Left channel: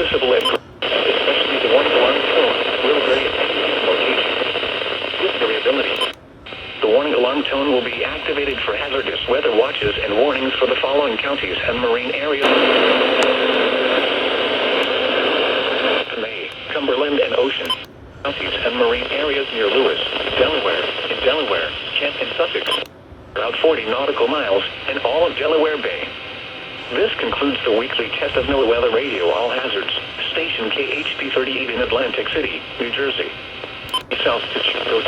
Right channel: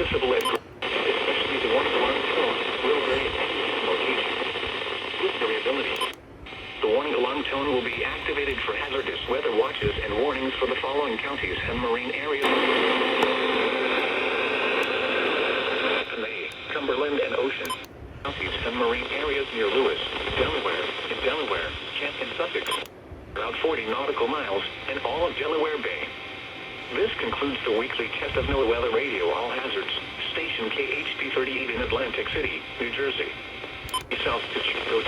noticeable at especially the warning alarm tone will vary depending on location. This variability. The warning alarm tone will be activated for hazardous weather watches and warnings for the following counties and marine areas. May, Cumberland and Ocean. Counties and marine areas near Lewis, Delaware, in Delaware, Kent and Sussex. About 40 nautical miles in all of Delaware Bay. This concludes the weekly Test of NOAA Weather Radio All Hazards, station KHB38 in Atlantic City, New Jersey. South to Chico